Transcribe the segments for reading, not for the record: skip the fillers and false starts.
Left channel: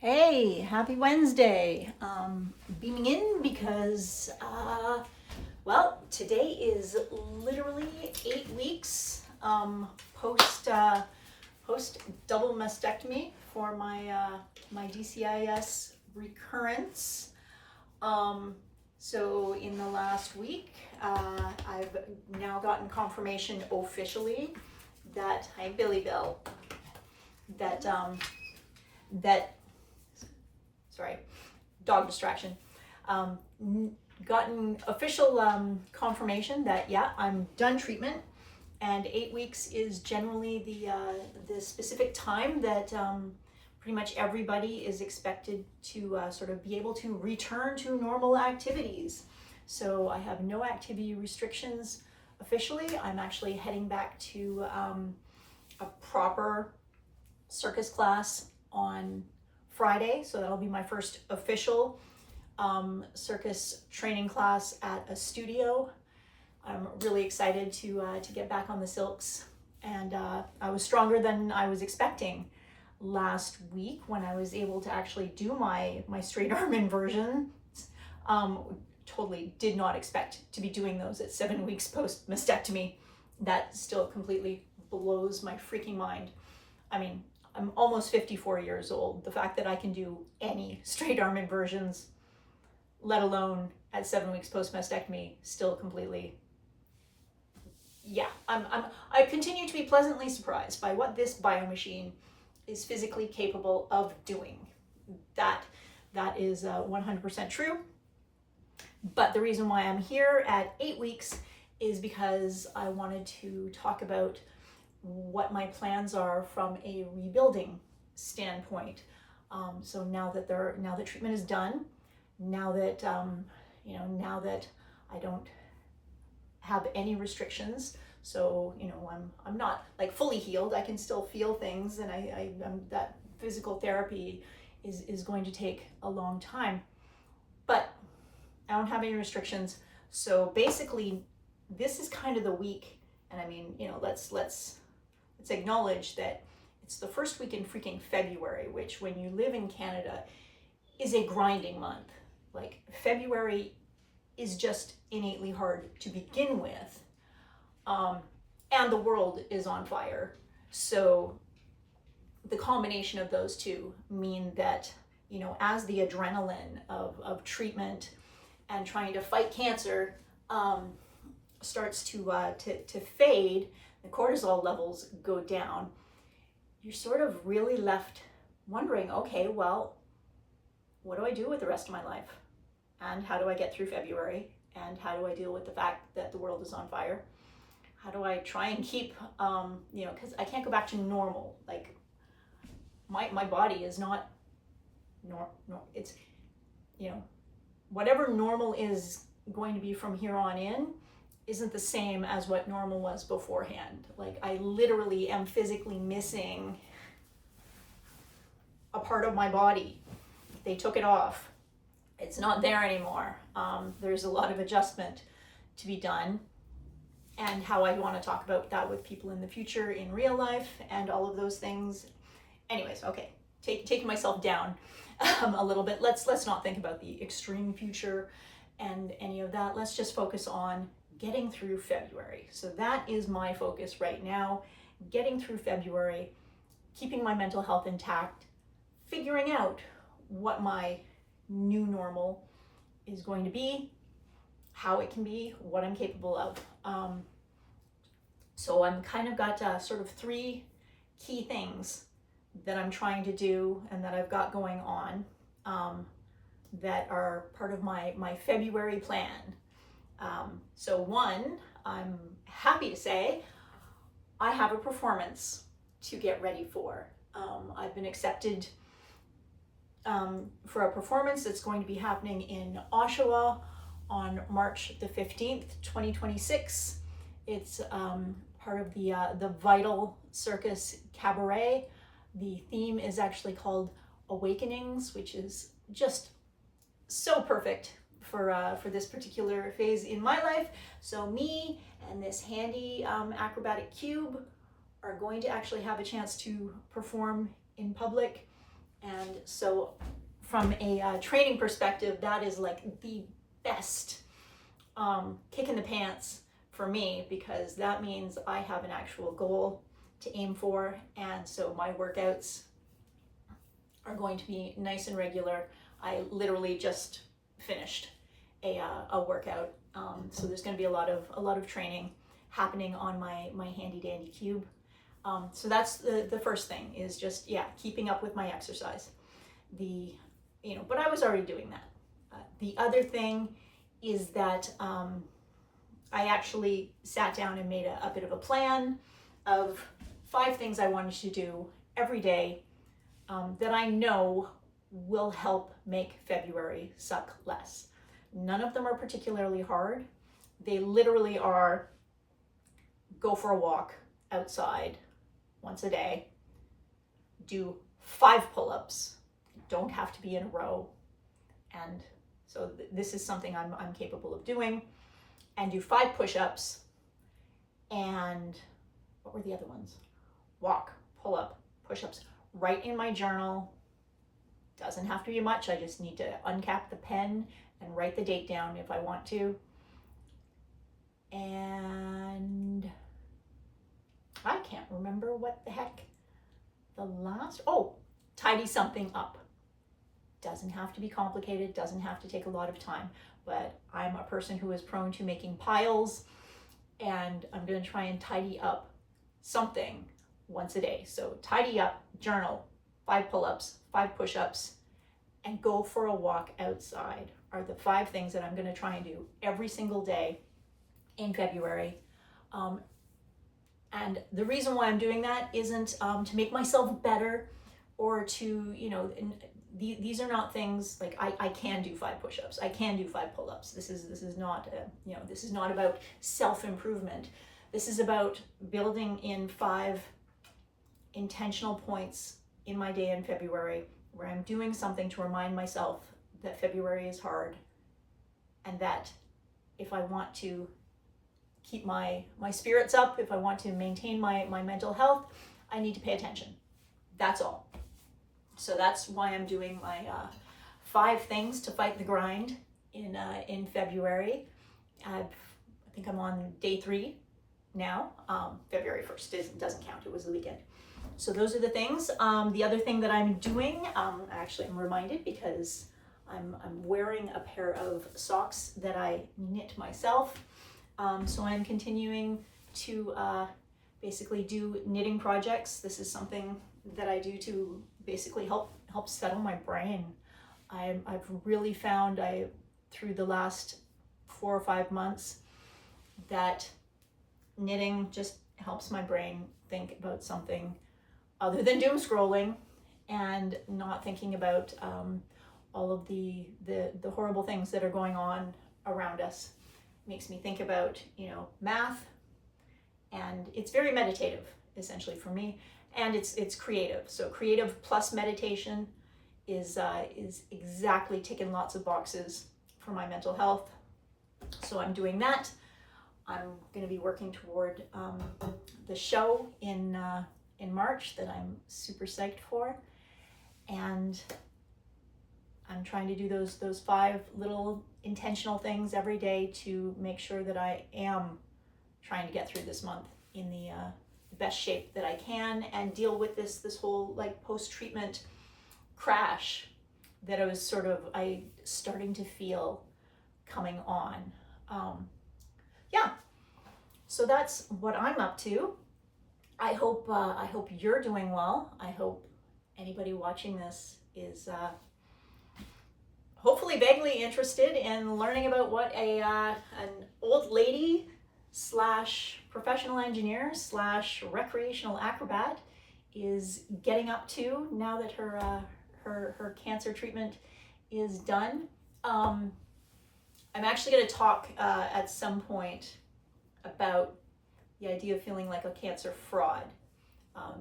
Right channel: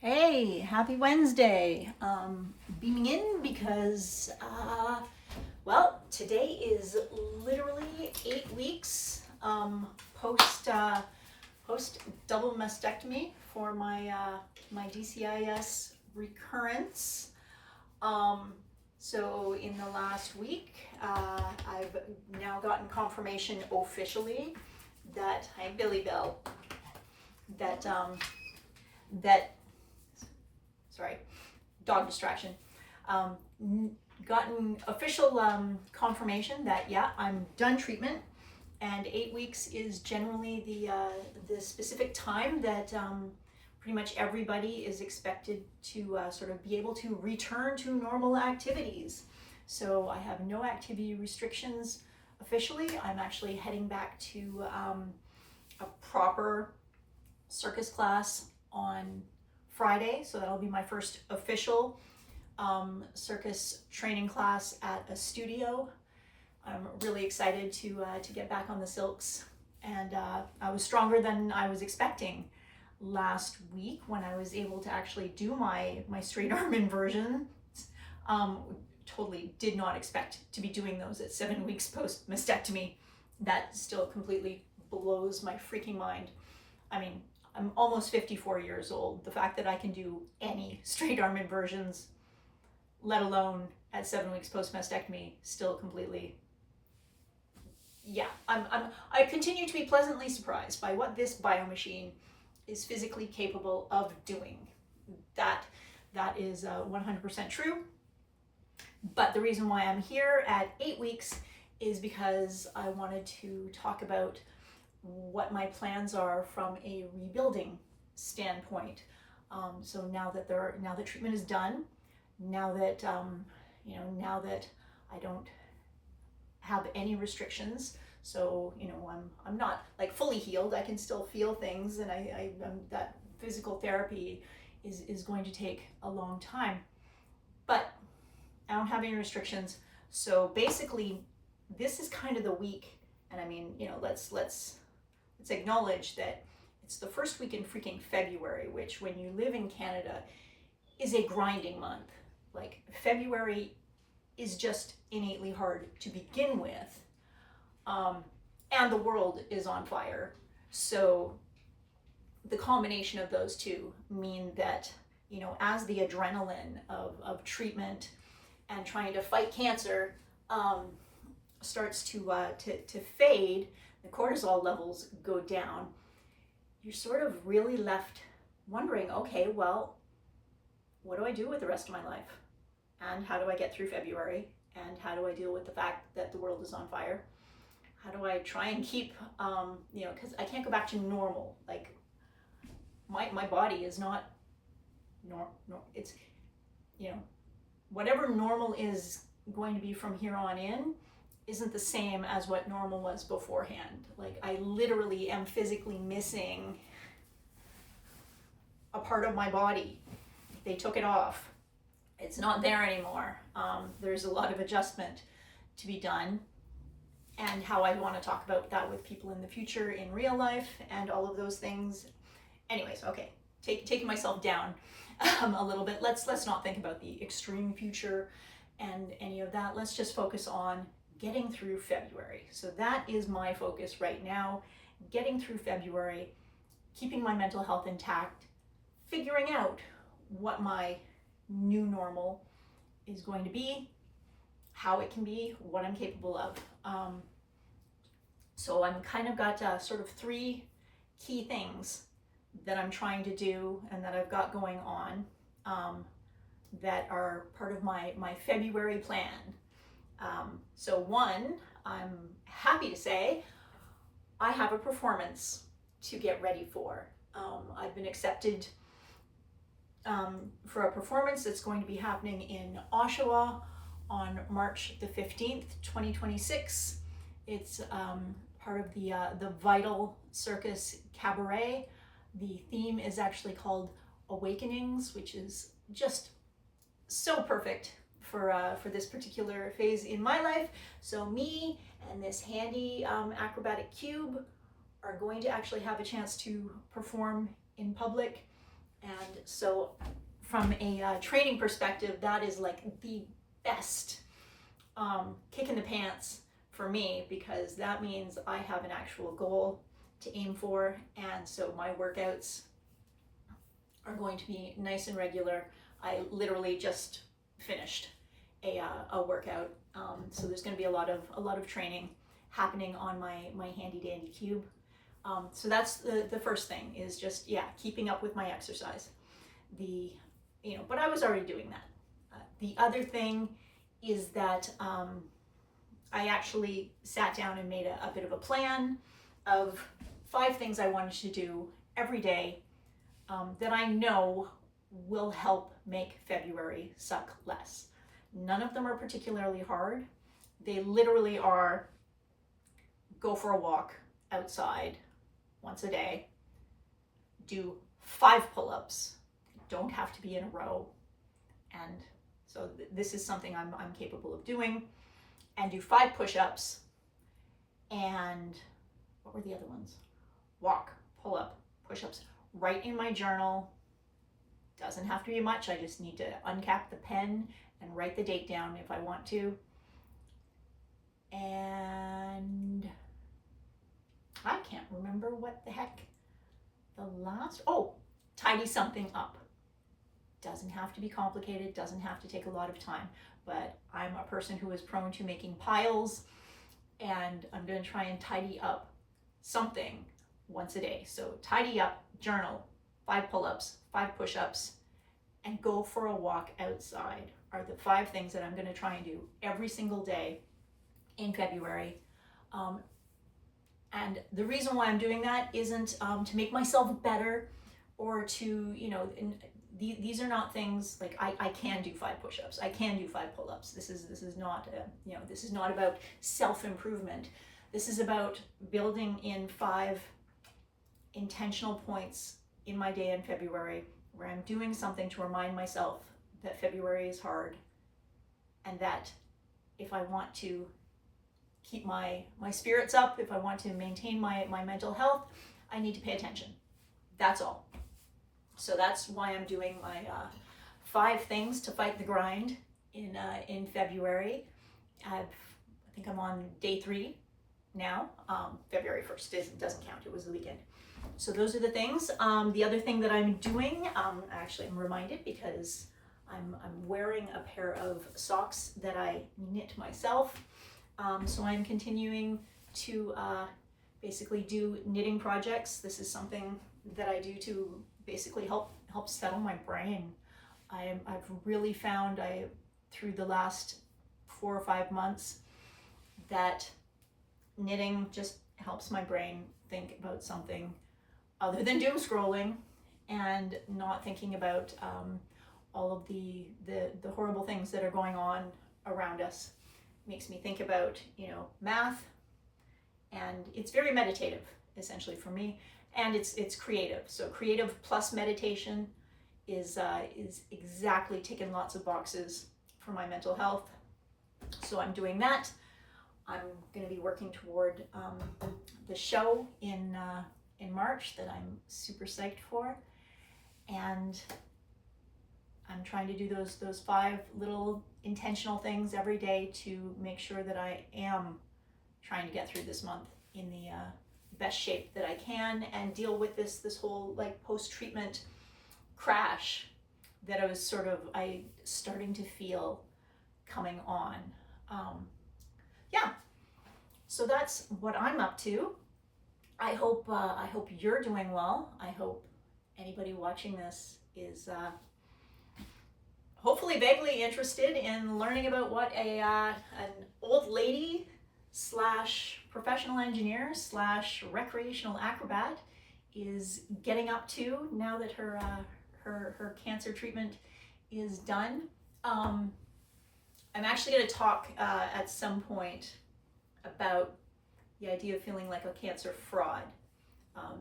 Hey, happy Wednesday. Beaming in because, today is literally 8 weeks post double mastectomy for my DCIS recurrence. So in the last week, I've now gotten confirmation officially that, hi Billy Bill, that sorry, dog distraction, gotten official confirmation that, yeah, I'm done treatment, and 8 weeks is generally the specific time that pretty much everybody is expected to sort of be able to return to normal activities. So I have no activity restrictions officially. I'm actually heading back to a proper circus class on Friday, so that'll be my first official circus training class at a studio. I'm really excited to get back on the silks, and I was stronger than I was expecting last week when I was able to actually do my straight arm inversions. Totally did not expect to be doing those at 7 weeks post mastectomy. That still completely blows my freaking mind. I mean, I'm almost 54 years old. The fact that I can do any straight arm inversions, let alone at 7 weeks post mastectomy, still completely, yeah. I continue to be pleasantly surprised by what this biomachine is physically capable of doing. That is 100% true. But the reason why I'm here at 8 weeks is because I wanted to talk about what my plans are from a rebuilding standpoint. So now that treatment is done, now that now that I don't have any restrictions, so I'm not like fully healed. I can still feel things, and I'm that physical therapy is going to take a long time, but I don't have any restrictions. So basically, this is kind of the week, and I mean, let's acknowledge that it's the first week in freaking February, which when you live in Canada is a grinding month. Like, February is just innately hard to begin with. And the world is on fire. So the combination of those two mean that, as the adrenaline of treatment and trying to fight cancer starts to fade, the cortisol levels go down, you're sort of really left wondering, okay, well, what do I do with the rest of my life? And how do I get through February? And how do I deal with the fact that the world is on fire? How do I try and keep, because I can't go back to normal. Like, my body is not it's, whatever normal is going to be from here on in isn't the same as what normal was beforehand. Like, I literally am physically missing a part of my body. They took it off. It's not there anymore. There's a lot of adjustment to be done, and how I want to talk about that with people in the future in real life and all of those things. Anyways, okay, taking myself down a little bit. Let's not think about the extreme future and any of that. Let's just focus on getting through February. So that is my focus right now, getting through February, keeping my mental health intact, figuring out what my new normal is going to be, how it can be, what I'm capable of. So I'm kind of got sort of 3 key things that I'm trying to do and that I've got going on that are part of my February plan. So one, I'm happy to say I have a performance to get ready for. I've been accepted for a performance that's going to be happening in Oshawa on March the 15th, 2026. It's part of the Vital Circus Cabaret. The theme is actually called Awakenings, which is just so perfect for this particular phase in my life. So me and this handy acrobatic cube are going to actually have a chance to perform in public And so from a training perspective, that is like the best kick in the pants for me, because that means I have an actual goal to aim for. And so my workouts are going to be nice and regular. I literally just finished a workout. So there's going to be a lot of training happening on my handy dandy cube. So that's the first thing, is just, keeping up with my exercise. But I was already doing that. The other thing is that I actually sat down and made a bit of a plan of 5 things I wanted to do every day that I know will help make February suck less. None of them are particularly hard. They literally are: go for a walk outside once a day, do 5 pull-ups, don't have to be in a row, and so this is something I'm capable of doing, and do 5 push-ups, and what were the other ones? Walk, pull-up, push-ups. Write in my journal. Doesn't have to be much. I just need to uncap the pen and write the date down if I want to. And I can't remember what the heck the last, tidy something up. Doesn't have to be complicated, doesn't have to take a lot of time, but I'm a person who is prone to making piles, and I'm going to try and tidy up something once a day. So tidy up, journal, 5 pull-ups, 5 push-ups, and go for a walk outside are the 5 things that I'm going to try and do every single day in February. And the reason why I'm doing that isn't to make myself better, or to, these are not things like I can do 5 push-ups, I can do 5 pull-ups. This is not this is not about self-improvement. This is about building in 5 intentional points in my day in February where I'm doing something to remind myself that February is hard, and that if I want to keep my spirits up, if I want to maintain my mental health, I need to pay attention. That's all. So that's why I'm doing my 5 things to fight the grind in February. I think I'm on day 3 now. February 1st doesn't count. It was the weekend. So those are the things. The other thing that I'm doing, actually I'm reminded because I'm wearing a pair of socks that I knit myself. So I'm continuing to basically do knitting projects. This is something that I do to basically help settle my brain. I've really found through the last 4 or 5 months that knitting just helps my brain think about something other than doom scrolling and not thinking about all of the horrible things that are going on around us. Makes me think about, math, and it's very meditative, essentially, for me, and it's creative. So creative plus meditation is exactly ticking lots of boxes for my mental health. So I'm doing that. I'm going to be working toward the show in March that I'm super psyched for, and I'm trying to do those 5 little intentional things every day to make sure that I am trying to get through this month in the best shape that I can, and deal with this whole like post-treatment crash that I was starting to feel coming on. So that's what I'm up to. I hope you're doing well. I hope anybody watching this is hopefully vaguely interested in learning about what an old lady / professional engineer / recreational acrobat is getting up to now that her cancer treatment is done. I'm actually going to talk at some point about the idea of feeling like a cancer fraud.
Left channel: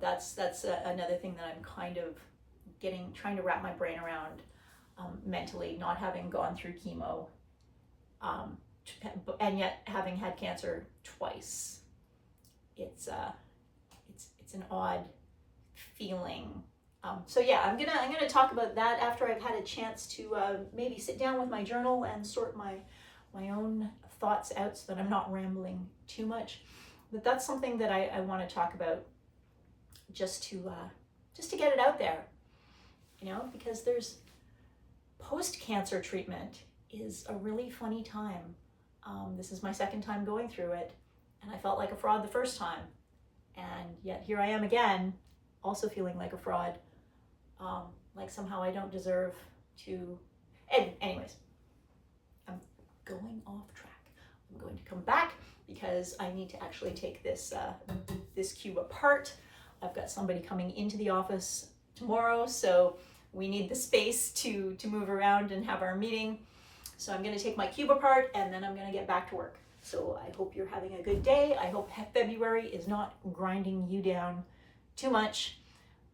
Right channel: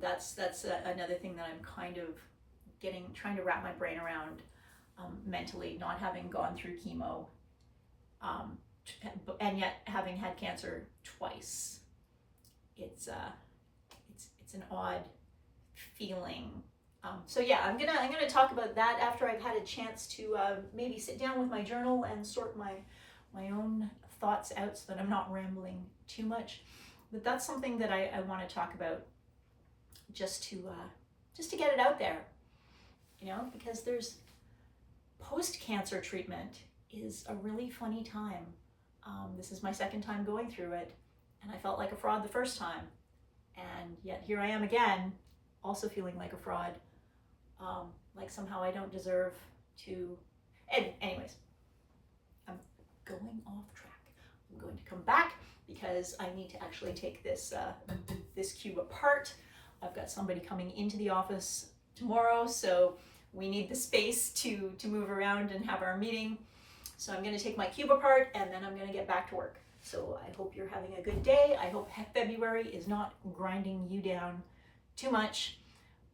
That's another thing that I'm kind of trying to wrap my brain around mentally, not having gone through chemo, and yet having had cancer twice. It's an odd feeling So yeah, I'm gonna talk about that after I've had a chance to maybe sit down with my journal and sort my own thoughts out, so that I'm not rambling too much. But that's something that I want to talk about, just to get it out there, you know, because there's post-cancer treatment is a really funny time. This is my second time going through it, and I felt like a fraud the first time, and yet here I am again, also feeling like a fraud. Like somehow I don't deserve to. And anyways, I'm going off track. I'm going to come back because I need to actually take this this cube apart. I've got somebody coming into the office tomorrow, so we need the space to move around and have our meeting. So I'm going to take my cube apart, and then I'm going to get back to work. So I hope you're having a good day. I hope February is not grinding you down too much,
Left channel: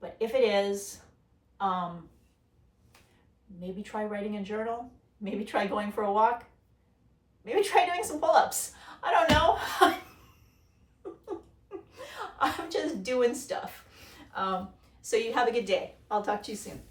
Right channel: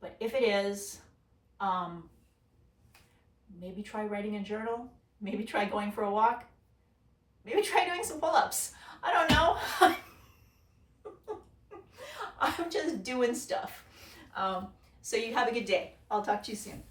but if it is, maybe try writing a journal, maybe try going for a walk, maybe try doing some pull-ups. I don't know. I'm just doing stuff. So you have a good day. I'll talk to you soon.